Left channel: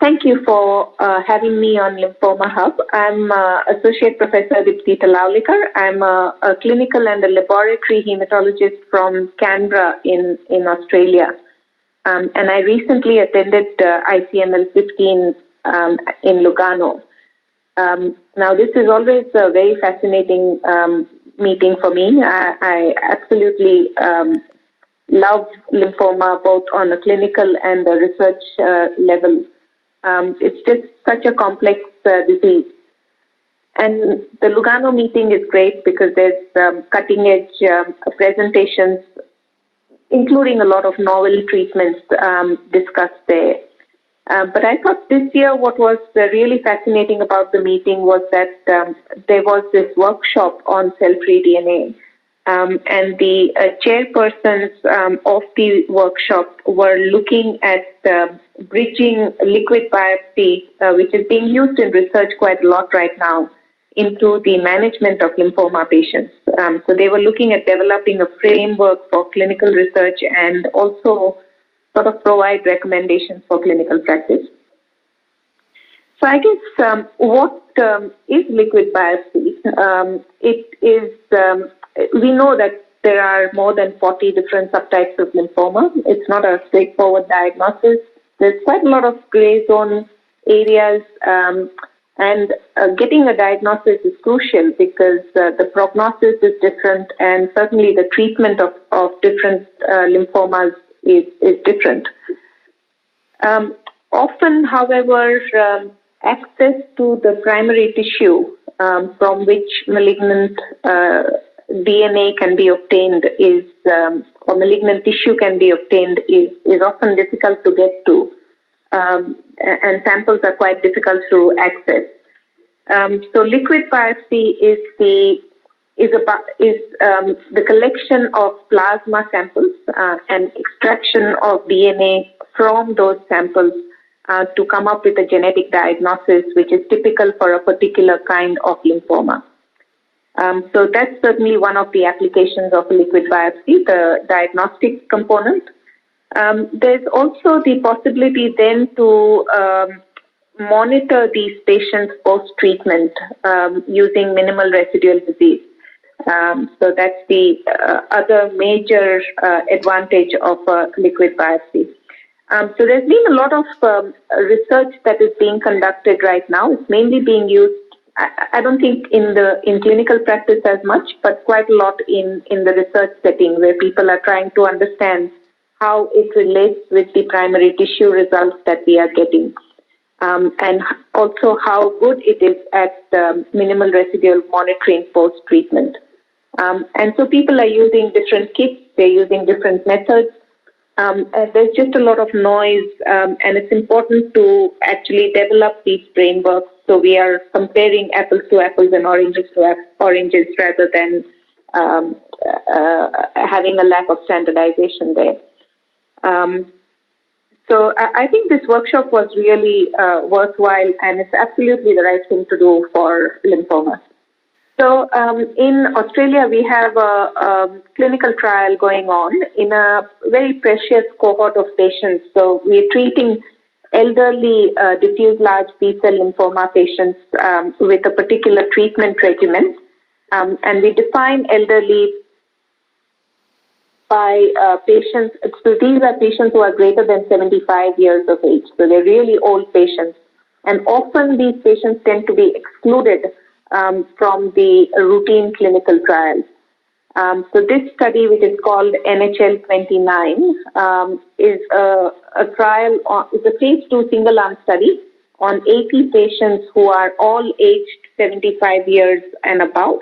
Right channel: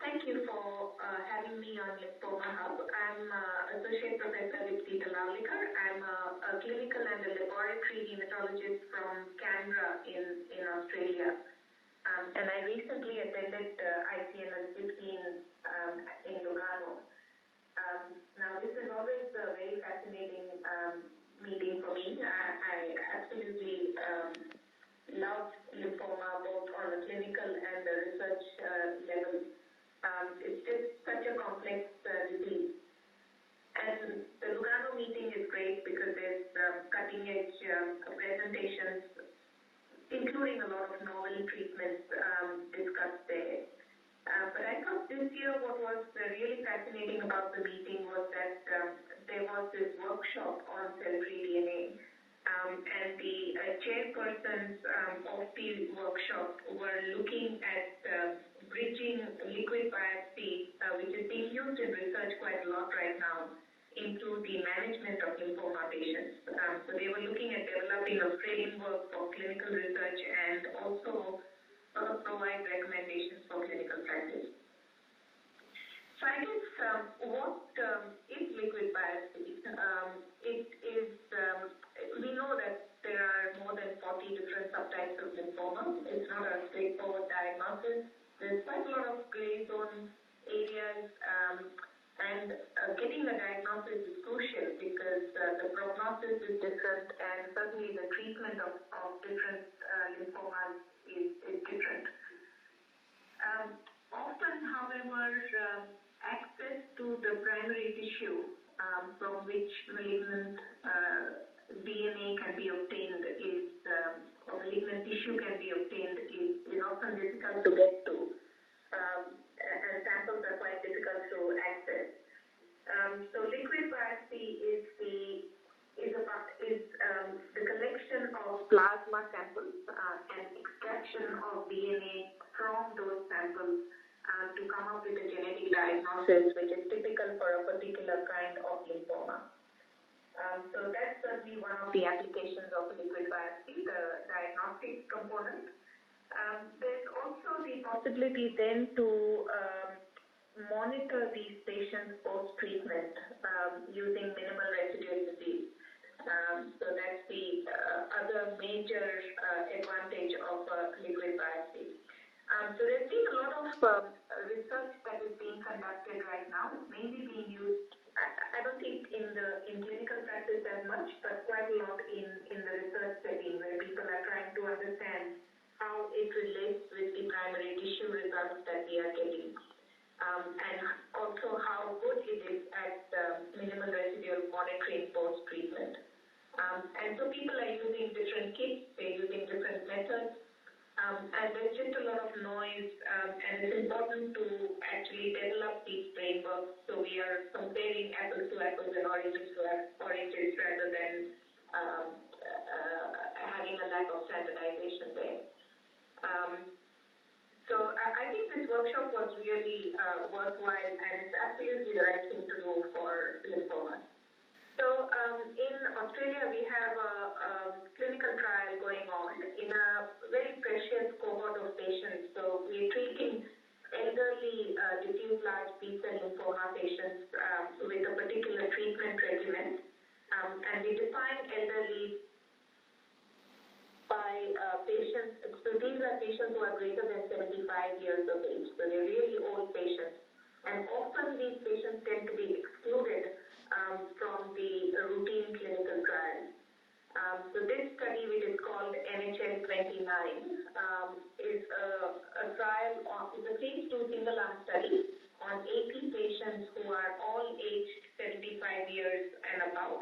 Thank you for having me on Lymphoma Hub. I'm Associate Professor Dipti Talaulikar. I'm a clinical and a laboratory hematologist from Canberra in Australia. And I recently attended ICML 15 in Lugano. Now, this is always a very fascinating meeting for me. I absolutely love lymphoma, both on a clinical and a research level. It's just such a complex disease. And the Lugano meeting is great because there's cutting-edge presentations, including a lot of novel treatments discussed there. But I thought this year what was really fascinating about the meeting was that there was this workshop on cell-free DNA. And the chairpersons of the workshop were looking at bridging liquid biopsy, which is being used in research quite a lot right now, into the management of lymphoma patients. So they were looking at developing a framework for clinical research and also sort of provide recommendations for clinical practice. So I guess what is liquid biopsy? It is, we know that there are more than 40 different subtypes of lymphoma. It's not a straightforward diagnosis. There's quite a lot of gray zone areas, and getting a diagnosis is crucial because the prognosis is different, and certainly the treatment of different lymphomas is different. Often, however, access to the primary tissue from which malignant DNA can be obtained or malignant tissue can be obtained is often difficult to get to, and samples are quite difficult to access. So liquid biopsy is the collection of plasma samples and extraction of DNA from those samples to come up with a genetic diagnosis, which is typical for a particular kind of lymphoma. So that's certainly one of the applications of liquid biopsy, the diagnostic component. There's also the possibility then to monitor these patients post-treatment using minimal residual disease. So that's the other major advantage of liquid biopsy. So there's been a lot of research that is being conducted right now. It's mainly being used, I don't think in clinical practice as much, but quite a lot in the research setting where people are trying to understand how it relates with the primary tissue results that we are getting. And also how good it is at minimal residual monitoring post-treatment. And so people are using different kits, they're using different methods. There's just a lot of noise, and it's important to actually develop these frameworks so we are comparing apples to apples and oranges to oranges rather than having a lack of standardization there. So I think this workshop was really worthwhile, and it's absolutely the right thing to do for lymphomas. So in Australia, we have a clinical trial going on in a very precious cohort of patients. So we're treating elderly diffuse large B-cell lymphoma patients with a particular treatment regimen. And we define elderly by patients. So these are patients who are greater than 75 years of age. So they're really old patients. And often these patients tend to be excluded from the routine clinical trials. So this study, which is called NHL 29, is a trial, is a phase 2 single-arm study on 80 patients who are all aged 75 years and above.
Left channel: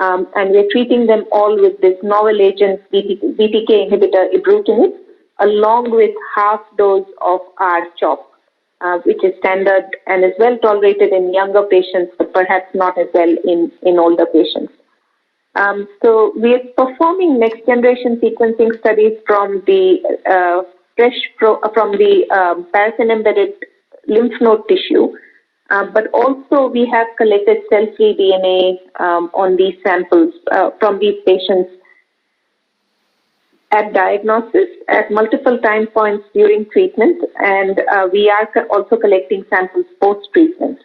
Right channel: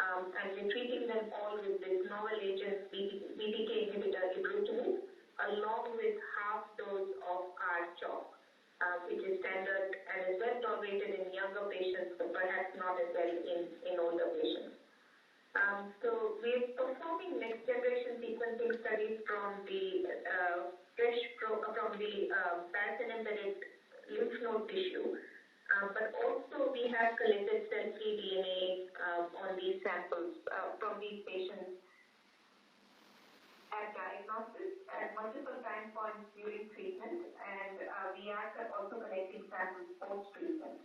And we're treating them all with this novel agent BTK inhibitor ibrutinib, along with half dose of R-CHOP. Which is standard and is well tolerated in younger patients, but perhaps not as well in older patients. So we are performing next generation sequencing studies from the paraffin-embedded lymph node tissue, but also we have collected cell-free DNA on these samples from these patients at diagnosis, at multiple time points during treatment, and we are also collecting samples post-treatment.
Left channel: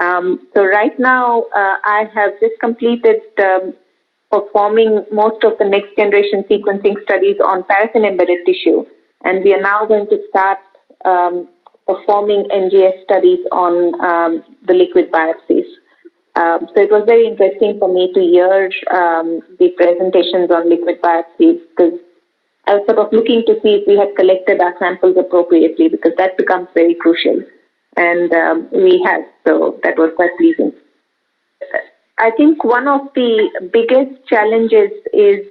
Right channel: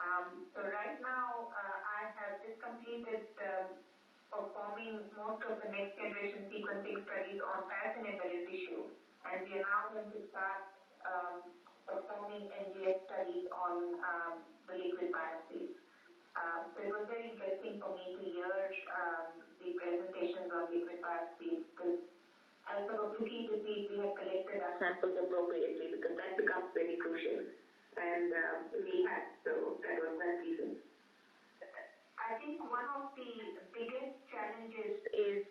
So right now, I have just completed performing most of the next generation sequencing studies on paraffin-embedded tissue, and we are now going to start performing NGS studies on the liquid biopsies. So it was very interesting for me to hear the presentations on liquid biopsies, because I was sort of looking to see if we had collected our samples appropriately, because that becomes very crucial. And we have, so that was quite pleasing. I think one of the biggest challenges is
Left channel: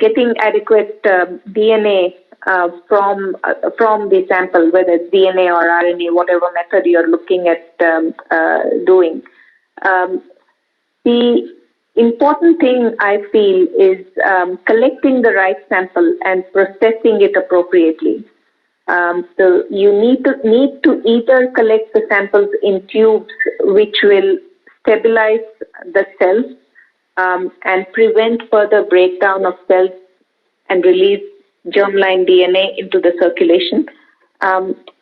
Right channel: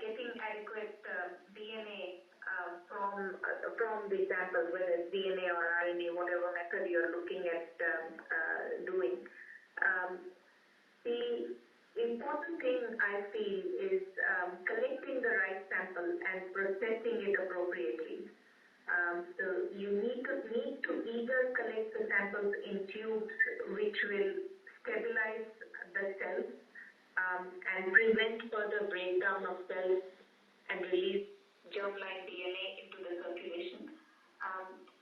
getting adequate DNA from the sample, whether it's DNA or RNA, whatever method you're looking at doing. The important thing I feel is collecting the right sample and processing it appropriately. So you need to either collect the samples in tubes, which will stabilize the cells and prevent further breakdown of cells and release germline DNA into the circulation,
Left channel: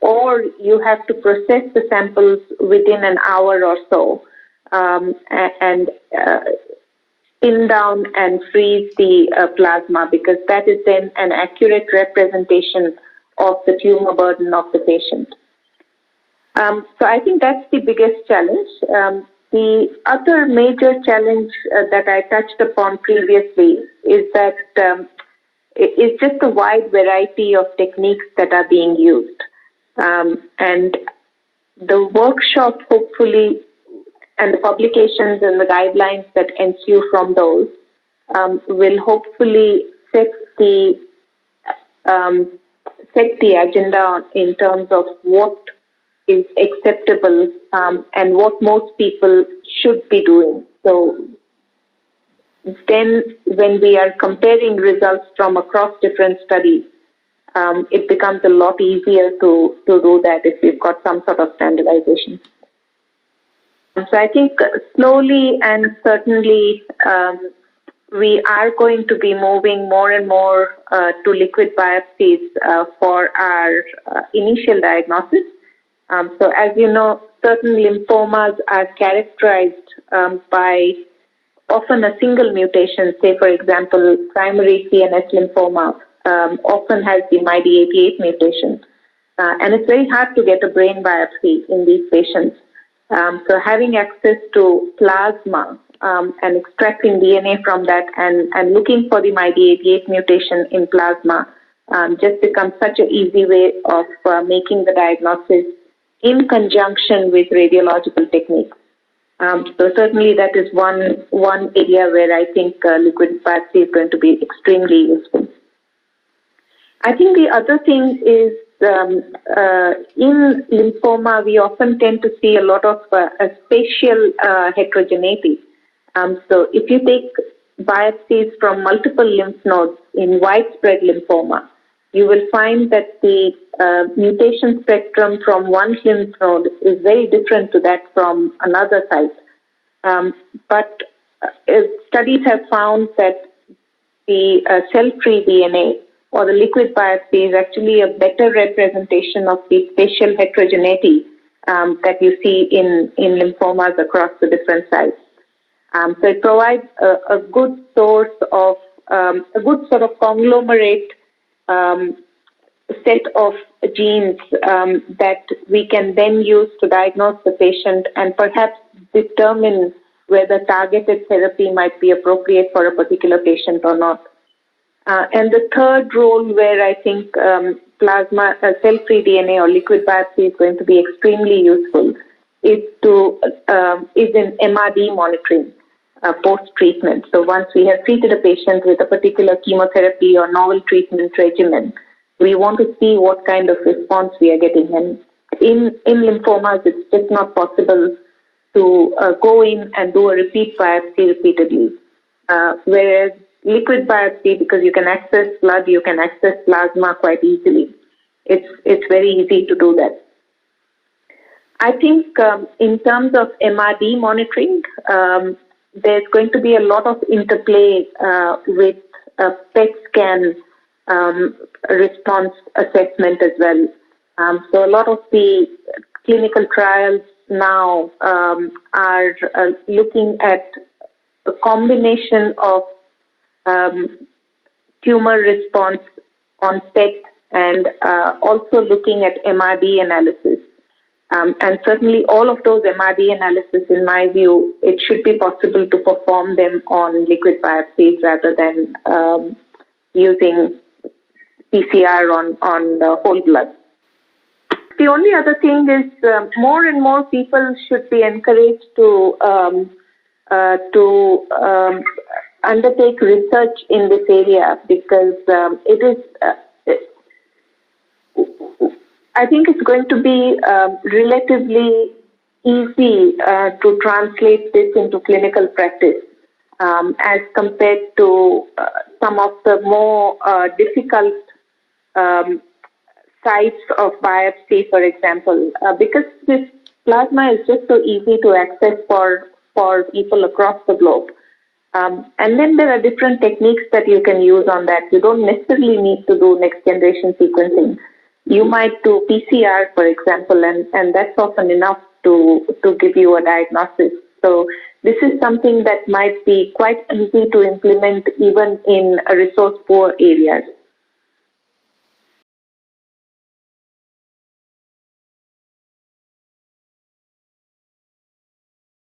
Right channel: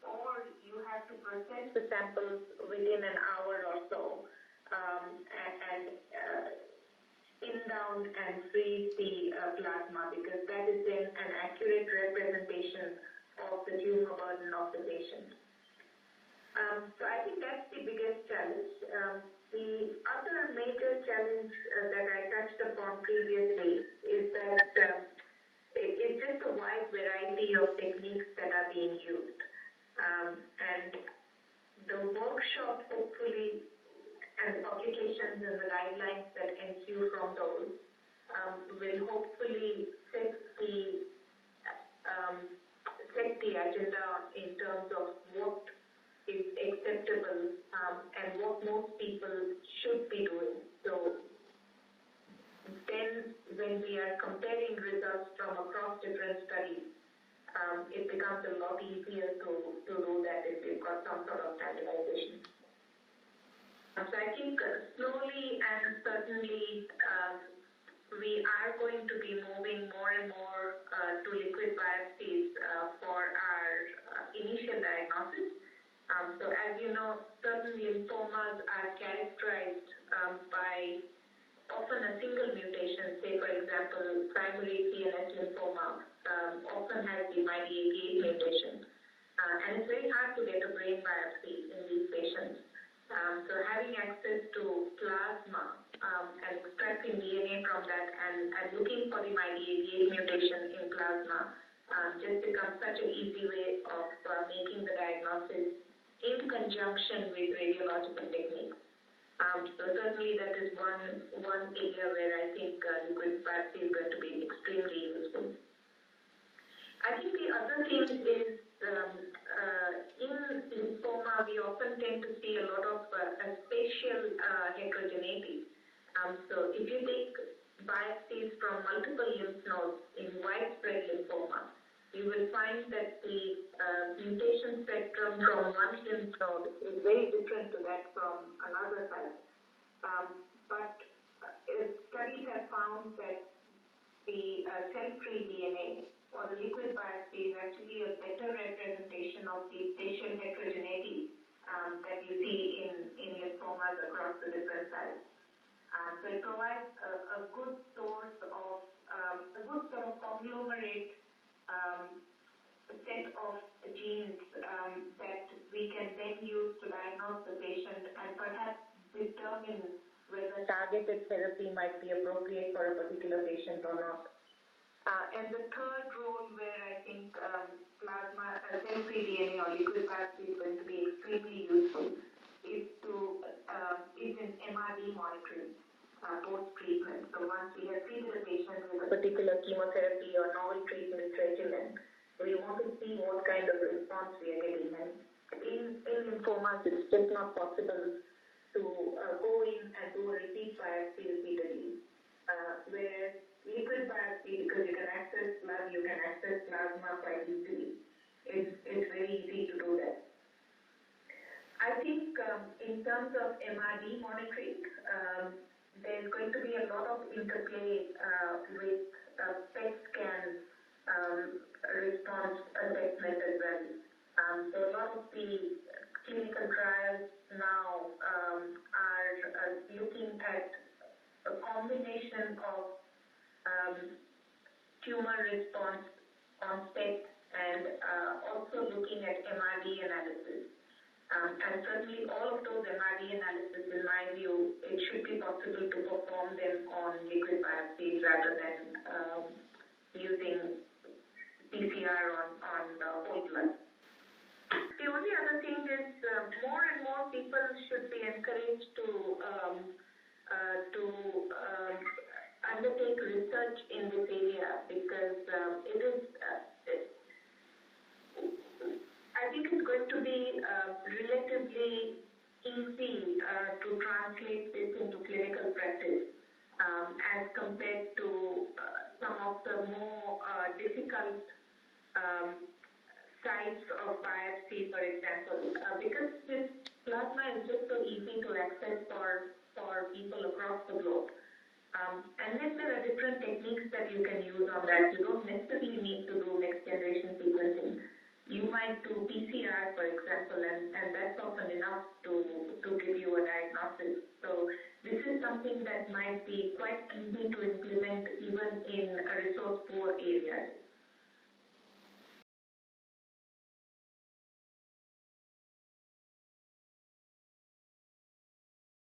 or you have to process the samples within an hour or so and spin down and freeze the plasma, because that is then an accurate representation of the tumor burden of the patient. So I think that's the biggest challenge. The other major challenge that I touched upon previously is that it's just a wide variety of techniques that are being used. And the workshop, hopefully, and the publications and the guidelines that ensue from those will hopefully set the agenda in terms of what is acceptable and what most people should be doing. So then when we are comparing results from across different studies, it becomes a lot easier to do that if we've got some sort of standardization. So I think slowly and certainly we are going to be moving more and more to liquid biopsies for our initial diagnosis. So as you know, certain lymphomas are characterized by often a single mutation. Say, for example, primary CNS lymphoma often has the MYD88 mutation. And it's very hard to get a brain biopsy in these patients. So having access to plasma and extracting DNA from that and looking for the MYD88 mutation in plasma just becomes such an easy way of making the diagnosis in conjunction with radiological techniques. So certainly that is one area where I think liquid biopsy is going to be extremely useful. I think the other thing is in lymphoma, we often tend to see a lot of spatial heterogeneity. So if you take biopsies from multiple lymph nodes in widespread lymphoma, you will find that the mutation spectrum from one lymph node is very different to that from another site. But studies have found that the cell-free DNA or the liquid biopsy is actually a better representation of the spatial heterogeneity that you see in lymphomas across the different sites. So it provides a good source of, a good sort of conglomerate set of genes that we can then use to diagnose the patient and perhaps determine whether targeted therapy might be appropriate for a particular patient or not. And the third role where I think plasma, cell-free DNA or liquid biopsy is going to be extremely useful is in MRD monitoring post-treatment. So once we have treated a patient with a particular chemotherapy or novel treatment regimen, we want to see what kind of response we are getting. And in lymphomas, it's just not possible to go in and do a repeat biopsy repeatedly. Whereas liquid biopsy, because you can access blood, you can access plasma quite easily. It's very easy to do that. I think in terms of MRD monitoring, there's going to be a lot of interplay with PET scan response assessment as well. So a lot of the clinical trials now are looking at a combination of tumor response on PET and also looking at MRD analysis. And certainly all of those MRD analysis, in my view, it should be possible to perform them on liquid biopsies rather than using PCR on the whole blood. The only other thing is more and more people should be encouraged to undertake research in this area because it is. I think it's going to be relatively easy to translate this into clinical practice as compared to some of the more difficult sites of biopsy, for example, because this plasma is just so easy to access for people across the globe. And then there are different techniques that you can use on that. You don't necessarily need to do next generation sequencing. You might do PCR, for example, and that's often enough to give you a diagnosis. So this is something that might be quite easy to implement even in resource-poor areas.